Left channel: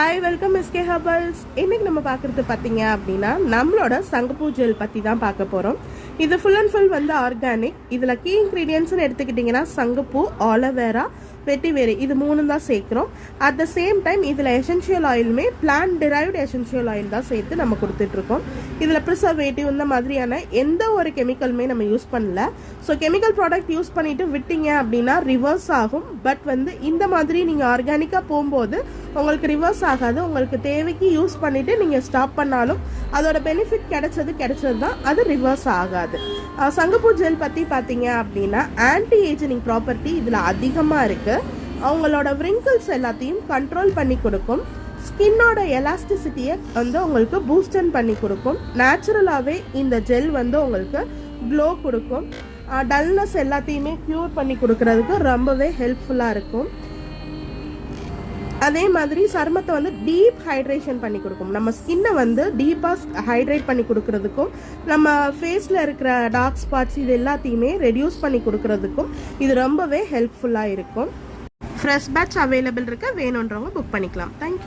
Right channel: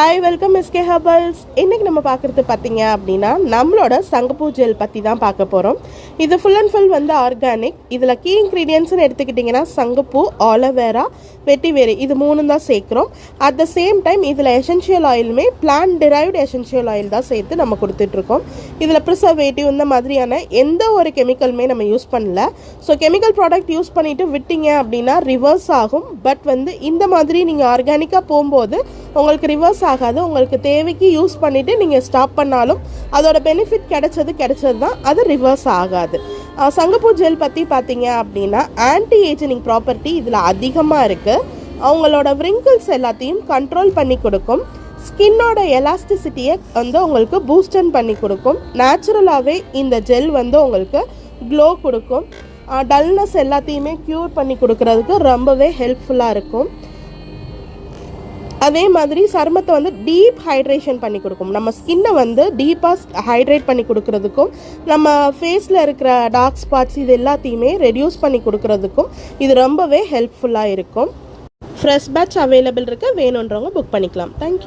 Hi welcome SK herbals. இன்றைக்கி நம்ம பார்க்குறது பார்த்தீங்க அப்படின்னா நம்மளோட சங்குப்பூ ஜெல் பற்றி தான் பார்க்க போகிறோம். இது ஃபுல் அண்ட் ஃபுல் வந்து ஆர்கானிக். இதில் கீ இன்க்ரீடியன்ட்ஸ்னு எடுத்துக்கிட்டிங்கன்னா சங்குப்பூ, ஆலோவேரா, வெட்டிவேறு இது மூணு தான் சேர்க்குறோம். அட் த சேம் டைம் இதில் எசென்ஷியல் ஆயிலுமே பிளான்ட் டிரைவ்டு எசென்ஷியல் ஆயில் தான் சேர்த்து நம்ம கொடுத்துட்ருக்கோம். இதில் ப்ரிசர்வேட்டிவ் இந்த மாதிரியான எந்த ஒரு கெமிக்கலுமே நம்ம யூஸ் பண்ணல. ஸோ கெமிக்கல் ப்ராடக்ட் யூஸ் பண்ணிவிட்டு விட்டீங்க அப்படின்னா ரிவர்ஸ் ஆகும். பட் வந்து இந்த மாதிரி நீங்கள் ஆர்கானிக்காக போகும்போது உங்களுக்கு ரிவர்ஸ் ஆகாது. உங்களுக்கு தேவைக்கு யூஸ் பண்ணிவிட்டு நீங்கள் ஸ்டாப் பண்ணாலும் அதோட பெனிஃபிட் கிடைச்சது தான், அது ரிவர்ஸ் ஆகாது. சங்குப்பூ ஜெல் பற்றி பார்த்தீங்க அப்படின்னா ஆன்டி ஏஜிங் ப்ராப்பர்ட்டி இதில் அதிகமாக இருக்குது. அவங்களோட விரிங்கிள்ஸ் எல்லாத்தையும் கண்ட்ரோல் பண்ணி கொடுக்கும். ஸ்கின்னோட எலாஸ்டிசிட்டியை வந்து உங்களுக்கு பூஸ்டன் பண்ணி கொடுக்கும். நேச்சுரலாகவே இந்த ஜெல் வந்து உங்களுக்கு க்ளோ கொடுக்கும். டல்னஸ் எல்லாத்தையுமே க்யூர் பண்ணி கொடுக்கறதுக்கு ரொம்பவே ஹெல்ப்ஃபுல்லாக இருக்கும். அதே மாதிரி சருமத்தை வந்து டீப் ஹைட்ரேஷன் பண்ணி கொடுக்கும். நம்ம ஸ்கின்னை வந்து டீப்பாக ஹைட்ரேட் பண்ணி கொடுக்கறதுக்கும் நம்ம ஃபேஸில் இருக்கிற டார்க் ஸ்பாட்ஸ் இது எல்லாத்தையுமே ரெடியூஸ் பண்ணி கொடுக்கறதுக்கும் இது ரொம்பவே ஹெல்ப்ஃபுல்லாக இருக்கும். ஃப்ரெஷ் பேட்ச் அவைலபிள் இருக்குது. வேணுன்றவங்க புக் பண்ணிக்கலாம். தேங்க்யூ.